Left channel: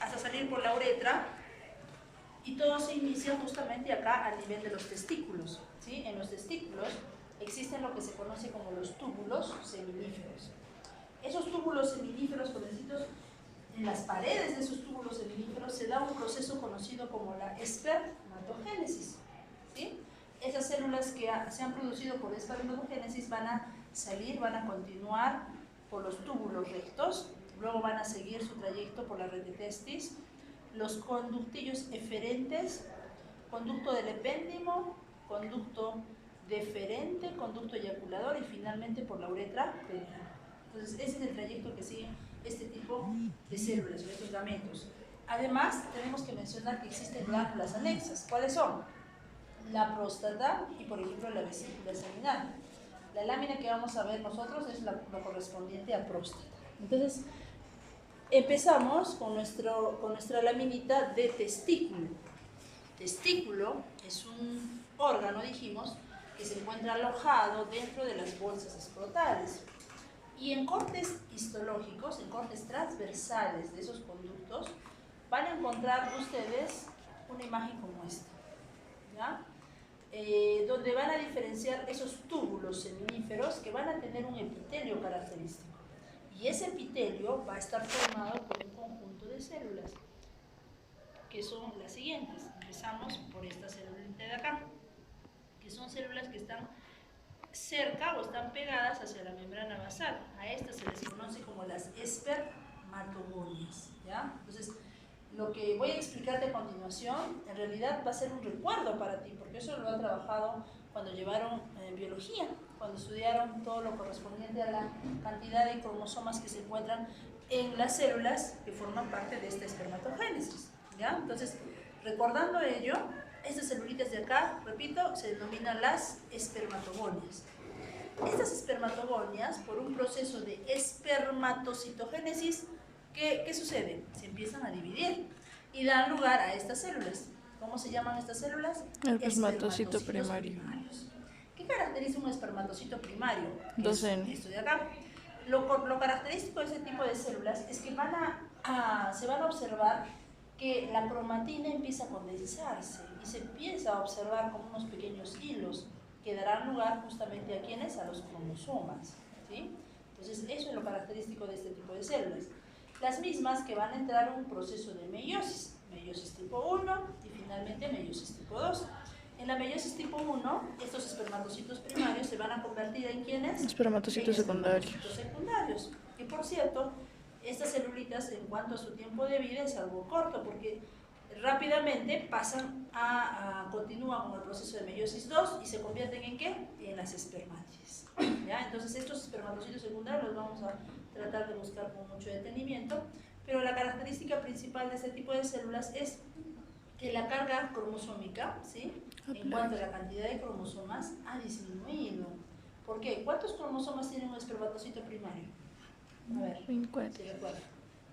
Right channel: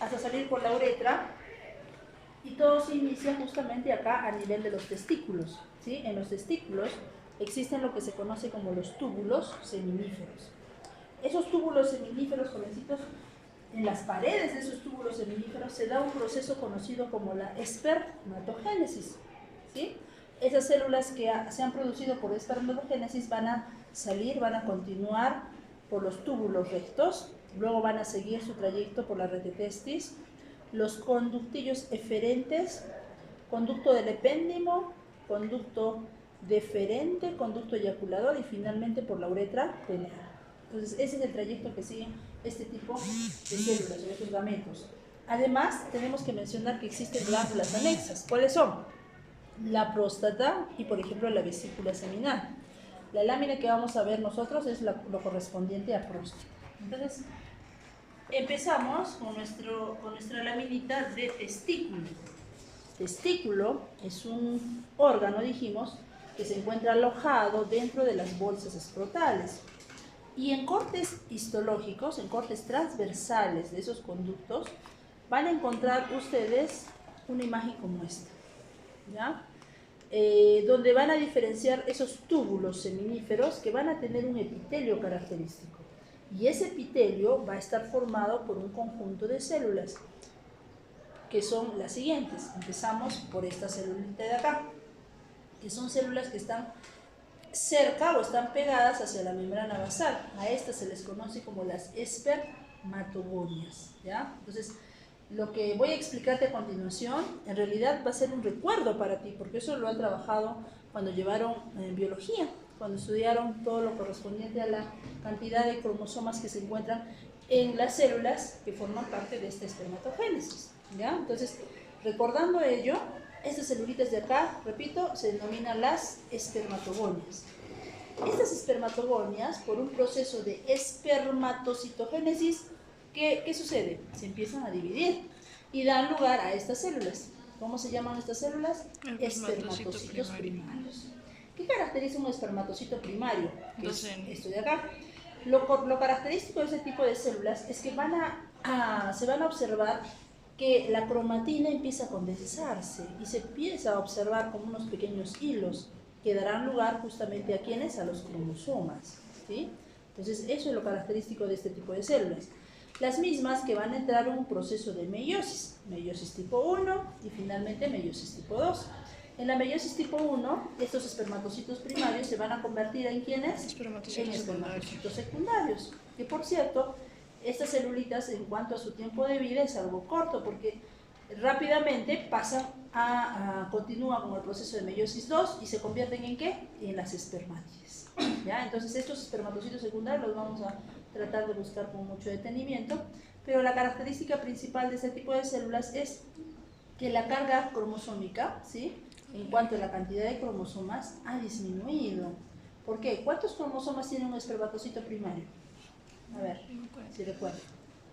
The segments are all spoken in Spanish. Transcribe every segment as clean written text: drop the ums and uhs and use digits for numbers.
hasta salir por la uretra, y todo se inicia justamente acá a nivel de los testículos, ¿sí? En los testículos existen lo que se conoce como los túbulos seminíferos. Esos túbulos seminíferos, jovencitos, en las paredes de esos túbulos seminíferos se da un proceso conocido como la espermatogénesis, ¿sí? Esas células que se han producido por espermatogénesis van a salir, van a continuar por los túbulos rectos, luego van a seguir su trayecto por la red de testis, los conductillos eferentes, conducto del epéndimo, conducto deferente, conducto eyaculador y finalmente por la uretra peniana. Entonces, ese es el trayecto que sigue este tipo de células o estos gametos. Además, tenemos que mencionar que existen glándulas anexas. ¿Cuáles son? La próstata y, por ejemplo, la vesícula seminal. La lámina que vamos a ver nosotros es lo correspondiente a próstata. Entonces, empezamos con nuestra laminita de testículo. Testículo es un órgano, dijimos, que se encuentra alojado dentro de las bolsas escrotales. Y en cortes histológicos, en cortes transversales de esos conductos, van a encontrar ustedes una imagen como esta, ¿ya? Donde van a diferenciar esos túbulos seminíferos que van a tener un epitelio característico. Y ese epitelio va a estar formado por un conjunto de células, que son las siguientes. Empezamos por esta célulita de acá, que son células que están cerca o están pegadas hacia la membrana basal. A estas se les conoce como las espermatogonias, ¿ya? Entonces, lo que voy a explicarte a continuación, en realidad va a ser un recuerdo para ti, porque eso lo han trabajado cuando llevaron biología, cuando estudiaron todo lo correspondiente a la cantidad de cromosomas que se encuentran en las células que forman parte de esta espermatogénesis, ¿ya? Entonces, recordando ello, estas celulitas de acá, repito, se denominan las espermatogonias. Estas espermatogonias, por un proceso de espermatocitogénesis, ¿qué sucede? Se empiezan a dividir y dan lugar a estas células. ¿Cómo se llaman estas células? El espermatocito primario. ¿Qué caracteriza un espermatocito primario? 2N. Esto de acá. Lo característico de ese tipo de células es que se van a observar que la cromatina empieza a condensarse y se empieza a observar como unos pequeños hilos que darán lugar justamente a ¿quiénes? A los cromosomas, ¿sí? Entonces, eso es lo característico de este tipo de células. Las mismas que van a entrar en un proceso de meiosis tipo 1 y finalmente meiosis tipo 2. En la meiosis tipo 1, estos espermatocitos primarios se van a convertir en ¿quiénes? Espermatocitos secundarios. Que por cierto, estas celulitas en cuanto a su tiempo de vida es algo corto porque rápidamente continúan con el proceso de meiosis 2 y se convierten ¿en qué? En las espermátides, ¿ya? Entonces estos espermatocitos secundarios los vamos a tratar de buscar con mucho detenimiento, pero la característica principal de este tipo de células es que la carga cromosómica, ¿sí?, en cuanto a la cantidad de cromosomas, ha disminuido. ¿Por qué? ¿Cuántos cromosomas tiene un espermatocito primario? A ver, si recuerdan.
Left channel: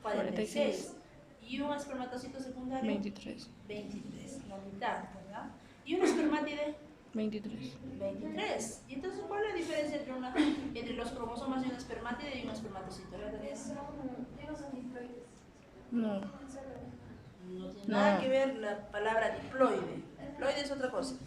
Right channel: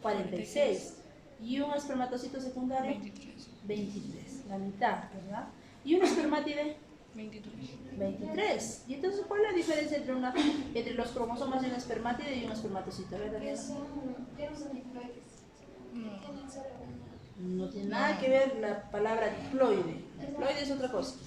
46. ¿Y un espermatocito secundario? 23. 23, la mitad, ¿verdad? ¿Y un espermátide? 23. 23. ¿Y entonces cuál es la diferencia entre los cromosomas de un espermátide y un espermatocito? ¿Verdad? Ya no son diploides. No. No tiene nada que ver la palabra diploide. Diploide es otra cosa.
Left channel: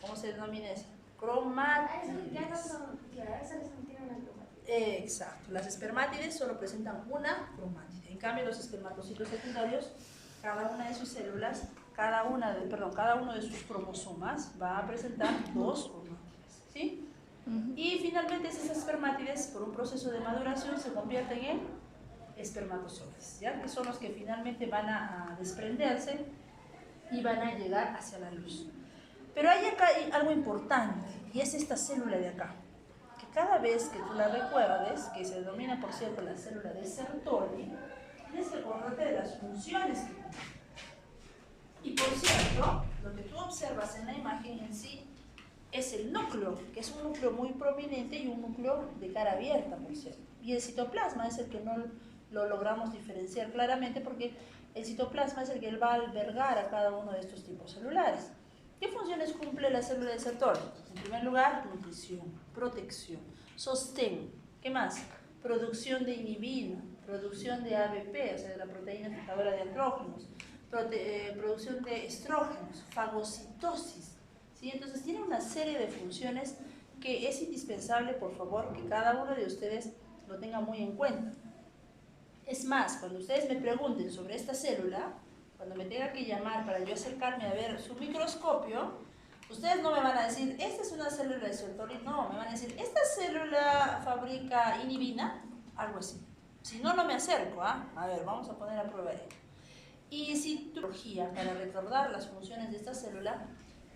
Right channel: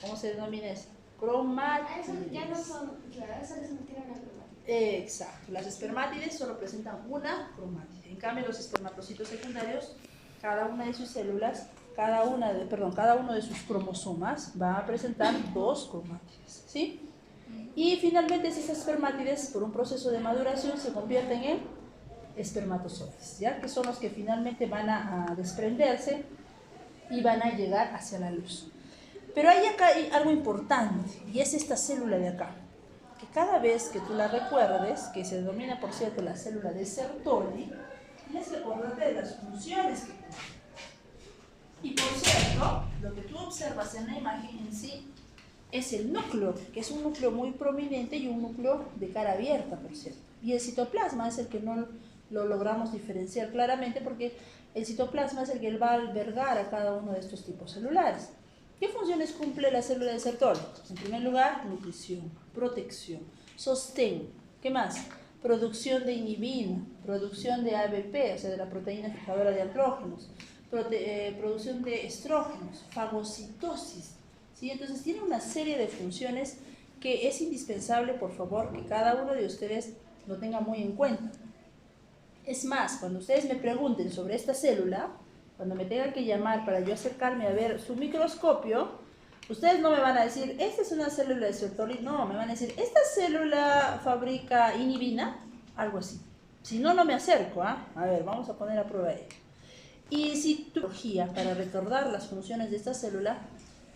¿Cómo se denomina eso? Cromátides. Ya no son, claro, esas no tienen una cromática. Exacto. Las espermátides solo presentan una cromátide. En cambio, los espermatocitos secundarios, cada una de sus células, cada uno de sus cromosomas va a presentar dos cromátides, ¿sí? Y finalmente esas espermátides, por un proceso de maduración, se convierten en espermatozoides, ¿ya? Que son los que finalmente van a desprenderse y van a llegar hacia la luz. Pero hay acá algo importante, y es esta célula de acá, que cada vez que tú la recuerdes, que se denomina por cierto la célula de Sertoli, tienes que acordarte de las funciones que tiene. Y por cierto, lo que tú observas en la imagen en sí es el núcleo, que es un núcleo muy prominente y un núcleo de cara abierta, por cierto. Y el citoplasma es el que no lo logramos diferenciar claramente porque el citoplasma es el que va a albergar a cada uno de estos tipos celulares. ¿Qué funciones cumple la célula de Sertoli? En primer lugar, nutrición, protección, sostén. ¿Qué más? producción de inhibina, producción de ABP, o sea, de la proteína fijadora de andrógenos, producción de estrógenos, fagocitosis, ¿sí? Entonces tiene una serie de funciones que es indispensable, por favor, que cada uno de ustedes lo tenga muy en cuenta. Es más, cuando ustedes me pregunten sobre esta célula, cuando me tenga que llamar para yo acercarme a ver su microscopio, ustedes no me van a decir, esta es una célula de Sertoli, no, me van a decir, esta célula fabrica inhibina, algo así. Si no, no me acerco, ¿ah? A ver, vamos a poner a prueba ello. Y si tu biología para recordar las funciones de esta célula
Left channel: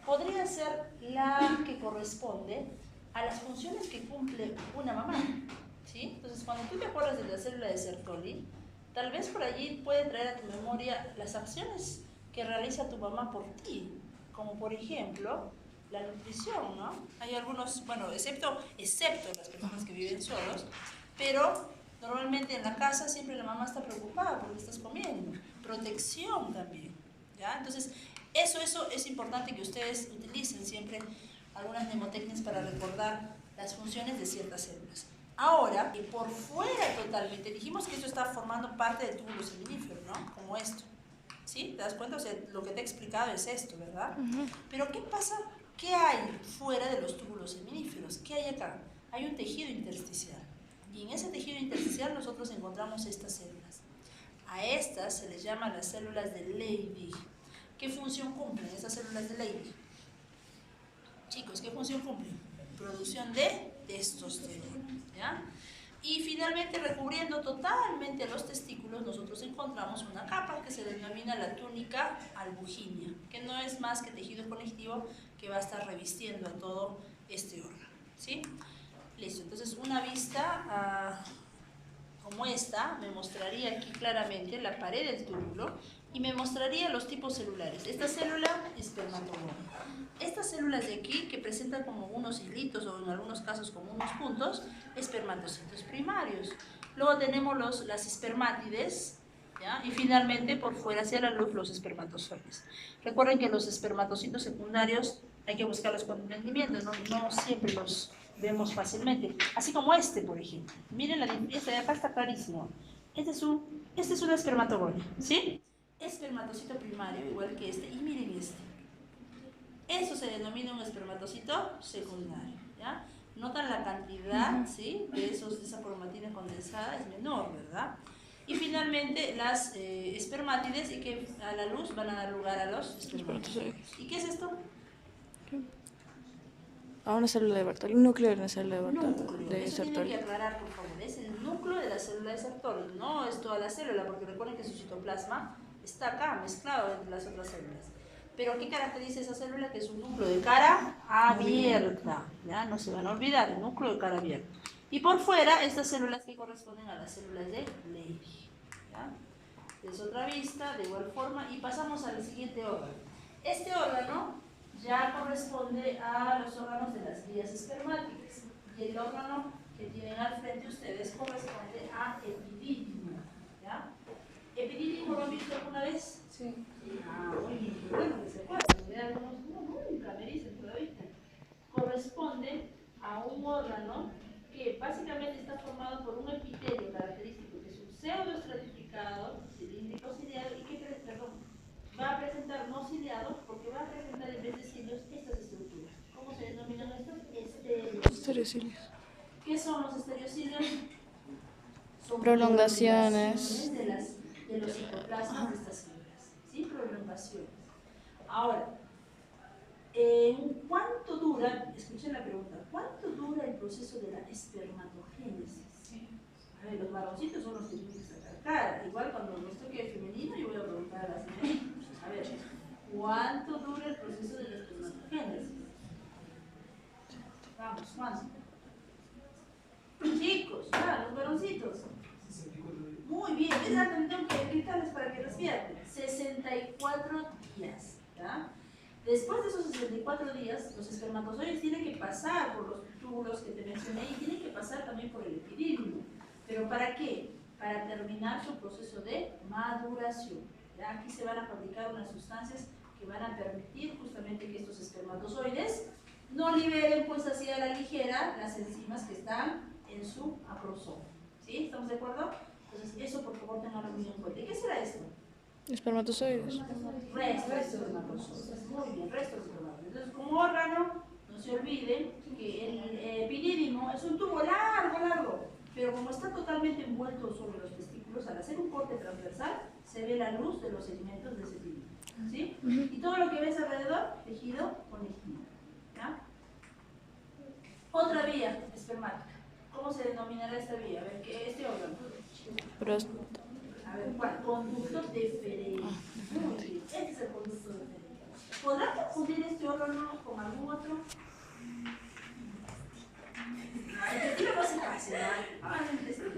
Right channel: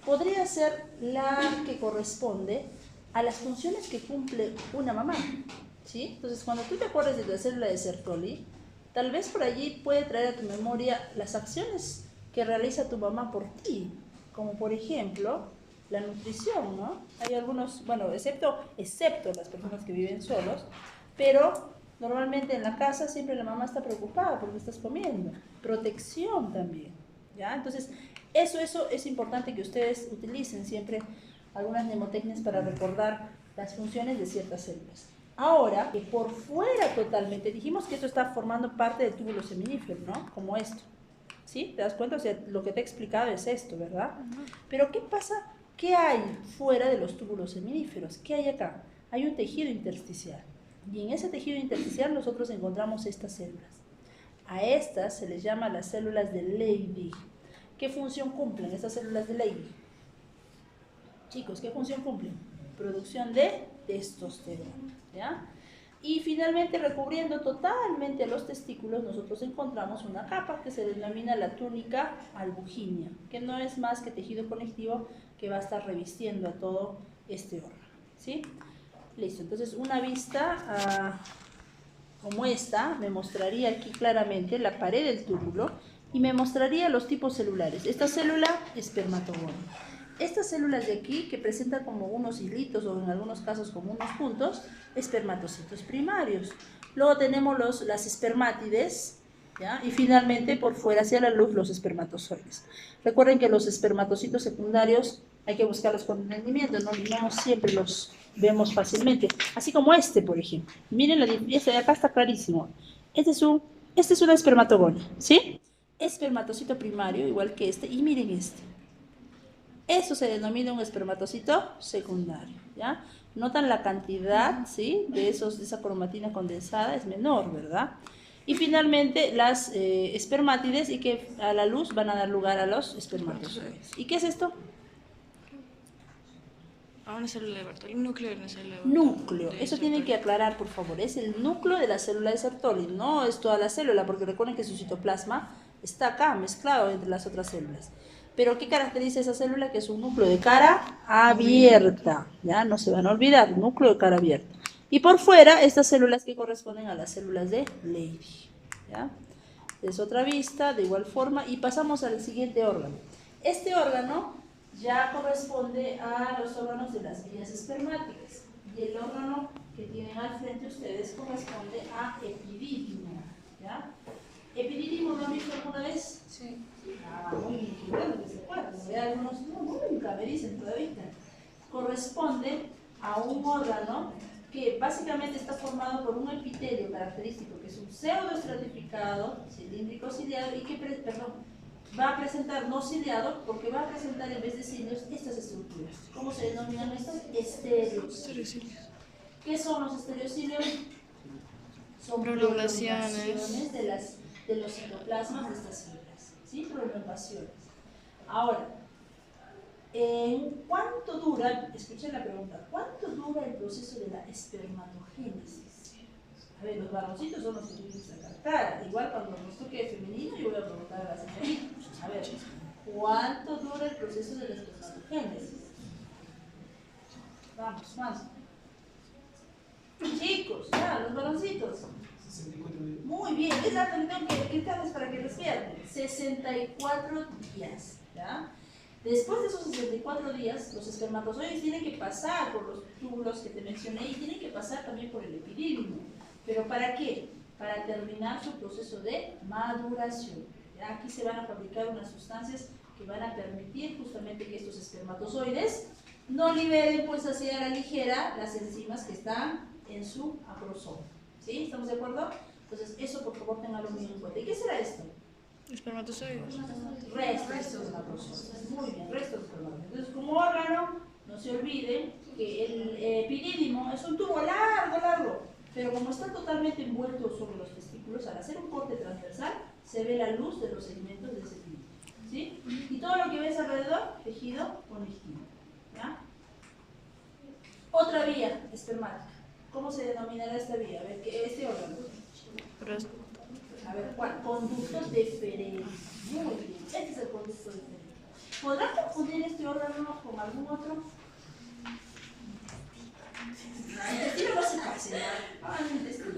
podría ser la que corresponde a las funciones que cumple una mamá, ¿sí? Entonces, cuando tú te acuerdas de la célula de Sertoli, tal vez por allí puede traer a tu memoria las acciones que realiza tu mamá por ti, como por ejemplo la nutrición, ¿no? Hay algunos, bueno, excepto las personas que viven solos, pero normalmente en la casa siempre la mamá está preocupada por lo que estás comiendo. Protección también, ¿ya? Entonces, eso es importante que ustedes utilicen siempre algunas mnemotecnias para recordar las funciones de ciertas células. Ahora, que por fuera totalmente, dijimos que esto está formando parte del túbulo seminífero, ¿no? Como esto, ¿sí? ¿Te das cuenta? O sea, lo que te he explicado es esto, ¿verdad? Pero ¿qué pasa? ¿Qué hay fuera de los túbulos seminíferos? ¿Qué hay acá? Hay un tejido intersticial. Y en ese tejido intersticial nosotros encontramos estas células. A estas se les llama las células de Leydig. ¿Qué función cumplen estas células de Leydig? Chicos, ¿qué función cumplen? Producción de testosterona, ¿ya? Y finalmente, recubriendo totalmente a los testículos, nosotros encontramos una capa que se denomina la túnica albuginia, que no es más que tejido conectivo que va a estar revistiendo a todo este órgano, ¿sí? Listo, entonces una vista como esta me mostraría aquí claramente la pared del túbulo y me mostraría los tipos celulares. Esta célula, espermatogón. Estas células de aquí, que presentan como unos hilitos o en algunos casos como unos puntos, espermatocitos primarios. Luego tenemos las espermátides, ¿ya? Y finalmente por fuera hacia la luz los espermatozoides. Recuerden que los espermatocitos secundarios hay que buscarlos con entendimiento, no siempre los vemos fácilmente. Así como este, por ejemplo. Miren, este de acá está clarísimo. Este es una espermatogonia, ¿sí? Espermatocito primario, igual que este, y miren este. Eso se denomina un espermatocito secundario, ¿ya? Notan la cantidad, ¿sí? De esa cromatina condensada es menor, ¿verdad? Y finalmente las espermátides, y que a la luz van a dar lugar a los espermatozoides. ¿Y qué es esto? A una célula de Bartoli, núcleo de una célula de Bartoli. Núcleo, eso tienen que aclarar, por favor, es el núcleo de la célula de Sertoli, no es toda la célula, porque recuerden que su citoplasma está acá, mezclado entre las otras células. Pero ¿qué caracteriza esa célula? Que es un núcleo de cara abierta, ¿ya? No se van a olvidar, núcleo de cara abierta. Y por fuera, estas células que corresponden a las células de Leydig, ¿ya? Es otra vista, de igual forma, y pasamos al siguiente órgano. Este órgano ya corresponde a los órganos de las vías espermáticas, y el órgano que tienen al frente ustedes corresponde a epidídimo, ¿ya? ¿Epidídimo lo han visto alguna vez? Sí. Muy bien, qué bueno que se acuerdan. Ya algunos nunca me dicen todavía. Corresponde a un órgano que básicamente está formado por un epitelio característico, que es un pseudoestratificado, cilíndrico ciliado, y que va a presentar, no ciliado, porque va a presentar en vez de cilios estas estructuras. ¿Cómo se denominan estos? Estereocilios. ¿Qué son los estereocilios? Son prolongaciones de los citoplasmas de estas células, ¿sí? Prolongaciones. Ahora, ¿cuánto dura, escuchen la pregunta, cuánto dura el proceso de la espermatogénesis? A ver, los varoncitos son los que tienen que sacar cara, igual cuando nos toque femenino yo voy a preguntar a la señorita, a ver, ¿cuánto dura el proceso de la espermatogénesis? Vamos, ¿cuánto? Chicos, ya, los varoncitos. 64 días. Muy bien, exactamente, tengo que gritarles para que despierten. 64 días, ¿ya? Después de esos 64 días, los espermatozoides tienen que pasar por los túbulos que te mencioné y tienen que pasar también por el epidídimo. ¿Pero para qué? Para terminar su proceso de maduración. ¿Ya? Aquí se van a fabricar unas sustancias que van a permitir justamente que estos espermatozoides no liberen pues hacia la ligera las enzimas que están en su acrosoma. ¿Sí? ¿Estamos de acuerdo? Entonces, eso por favor tenganlo muy en cuenta. ¿Y qué será esto? Espermatozoides. Restos de espermatozoides. Muy bien, restos de espermatozoides. Entonces, como órgano, no se olviden que el epidídimo es un tubo largo, pero como está totalmente envuelto sobre los testículos, al hacer un corte transversal, se ve la luz de los segmentos de ese epidídimo. ¿Sí? Y todo lo que ves alrededor, tejido conectivo. ¿Ya? Otra vía espermática. ¿Cómo se denominará esta vía? A ver, ¿qué este órgano? A ver, ¿cuál? Conducto deferente. Muy bien, este es el conducto deferente. ¿Podrá confundir este órgano con algún otro? El intestino no se pase, ¿verdad? El intestino.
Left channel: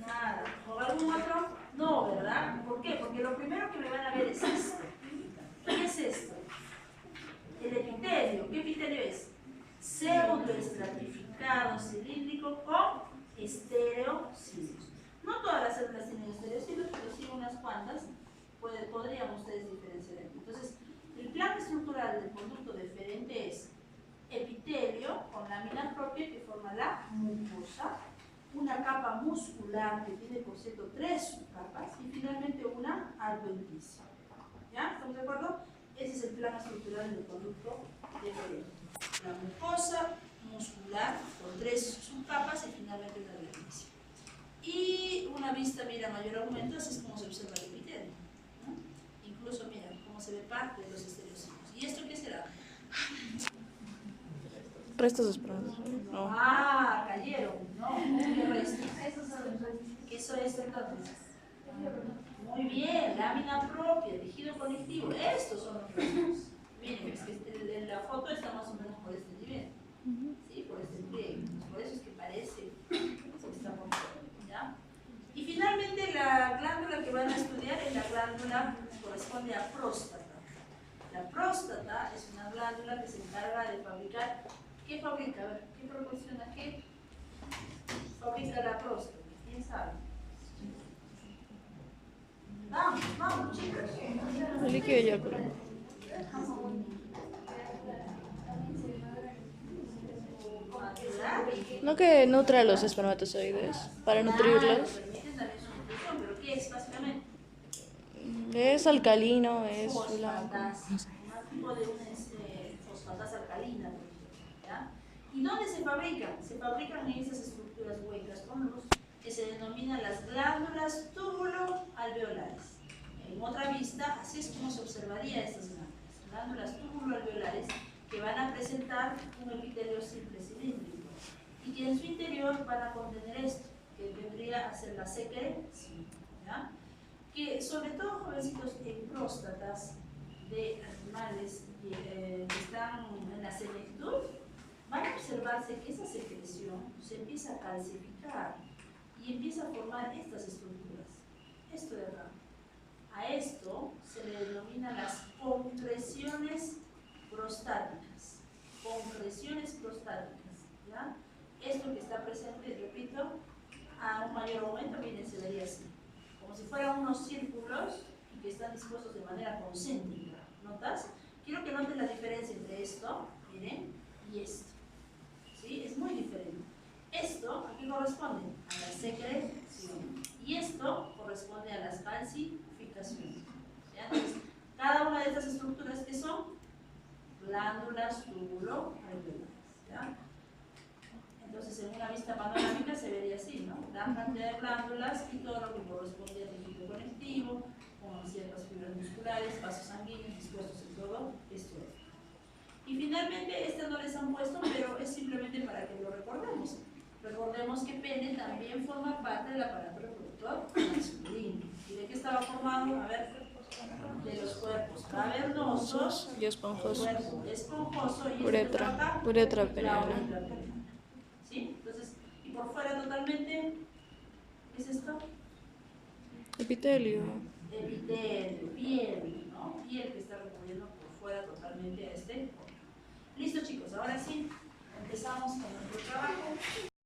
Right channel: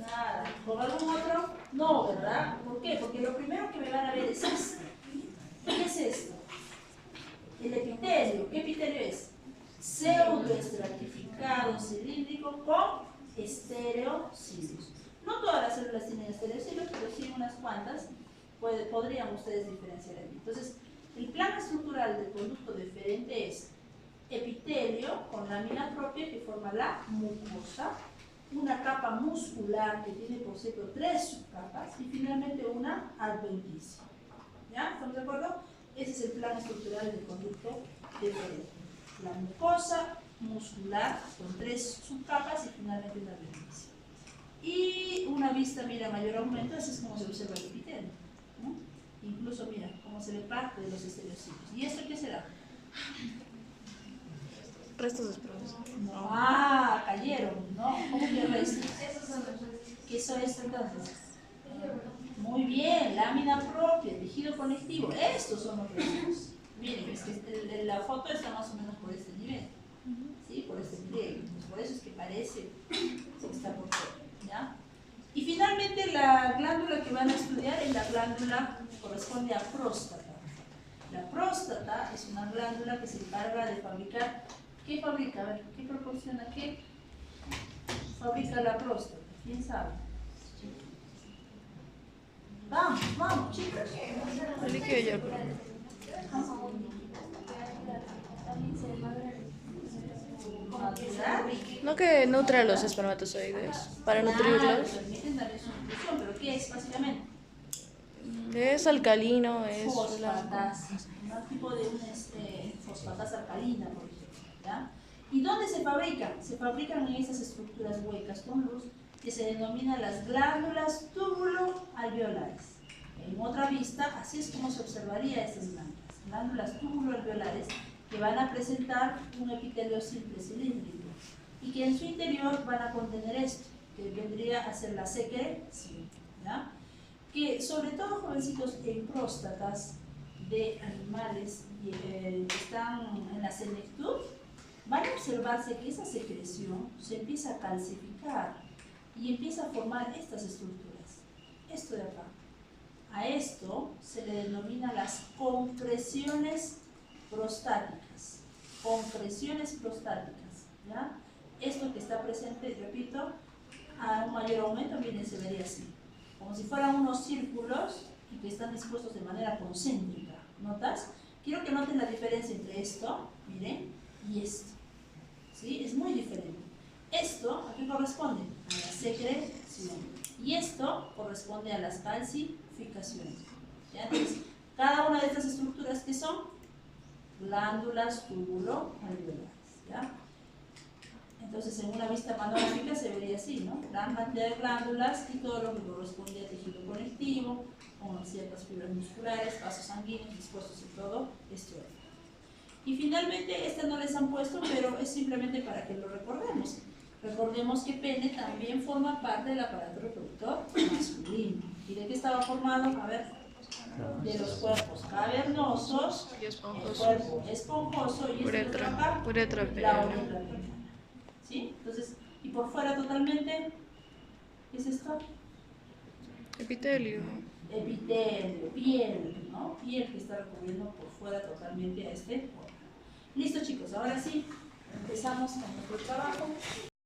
Nada. ¿Con algún otro? No, ¿verdad? ¿Por qué? Porque lo primero que me van a ver es esto. ¿Qué es esto? El epitelio. ¿Qué epitelio es? Pseudoestratificado cilíndrico con estereocilos. No todas las células tienen estereocilos, pero sí unas cuantas podrían ustedes diferenciar aquí. Entonces, el plano estructural del conducto deferente es epitelio con lámina propia que forma la mucosa, una capa muscular que tiene, por cierto, 3 subcapas y finalmente una adventicia. ¿Ya? ¿Estamos de acuerdo? Ese es el plano estructural del conducto deferente. La mucosa muscular con 3 subcapas y finalmente una adventicia. Y una vista, mira, mayor aumento, así es como se observa el epitelio, ¿no? Incluso, mira, cómo se ve parte de los estereocitos. ¿Y esto qué será? Restos de espermatozoides. No. Ah, cayeron, ¿no? ¿Cómo que restos? Esos son los restos. ¿Qué son esto entonces? Muy bien, lámina propia, tejido conectivo. Estos son los restos. Miren, es que la foto está más o menos por este nivel. ¿Sí? Por este nivel. Por eso es que parece que está por fuera. ¿Ya? Y finalmente la glándula que van a estudiar es la glándula que corresponde a próstata. La próstata es una glándula que se encarga de fabricar. ¿Qué fabrica? A ver, ¿qué proporciona? ¿Qué fabrica la próstata? ¿Quién sabe? Vamos, chicos. El líquido eyáculo. No que nutra a los espermatozoides para nutrirlos. Permiten darle su nutrición, pero ¿qué es básicamente? Es alcalino, es blanco. Fosfatasa, un tipo de fosfatasa alcalina, por ejemplo, ¿ya? ¿Y dónde se fabrican? Se fabrican en esas estructuras huecas con luz que se denominan las glándulas túbulo-alveolares. En otra vista, así es como se observaría estas glándulas túbulo-alveolares que van a presentar un epitelio simple cilíndrico y que en su interior van a contener esto, que vendría a ser la secreción, ¿ya? Que sobre todo, jovencitos, en próstatas de animales que están en la senectud, van a observarse que esa secreción se empieza a calcificar y empieza a formar estas estructuras. Esto de acá. A esto se le denomina las concreciones prostáticas. Concreciones prostáticas, ¿ya? Esto que está presente, repito, a un mayor aumento, miren, se vería así. Como si fueran unos círculos y que están dispuestos de manera concéntrica. ¿Notas? Quiero que noten la diferencia entre esto, miren, y esto. ¿Sí? Es muy diferente. Esto, ¿a qué corresponde? A la secreción. Y esto corresponde a las calcificaciones. ¿Ya? Entonces, cada una de estas estructuras, ¿qué son? Glándulas túbulo-alveolares. ¿Ya? Entonces, en una vista panorámica se vería así, ¿no? Gran cantidad de glándulas y todo lo que corresponde a tejido conectivo, con ciertas fibras musculares, vasos sanguíneos dispuestos en todo este órgano. Y finalmente, esta no les han puesto, pero es simplemente para que lo recordemos. Recordemos que pene también forma parte del aparato reproductor masculino. ¿Y de qué estaba formado? A ver, de los cuerpos cavernosos, Y esponjoso. el cuerpo esponjoso y Uretra, acá, uretra la peniana. uretra peniana. ¿Sí? Entonces, y por fuera totalmente, ¿qué es esto? Epitelio. Epitelio, piel, ¿no? Piel que está recubriendo por fuera totalmente a este órgano. Listo, chicos, ahora sí, empezamos con nuestro trabajo.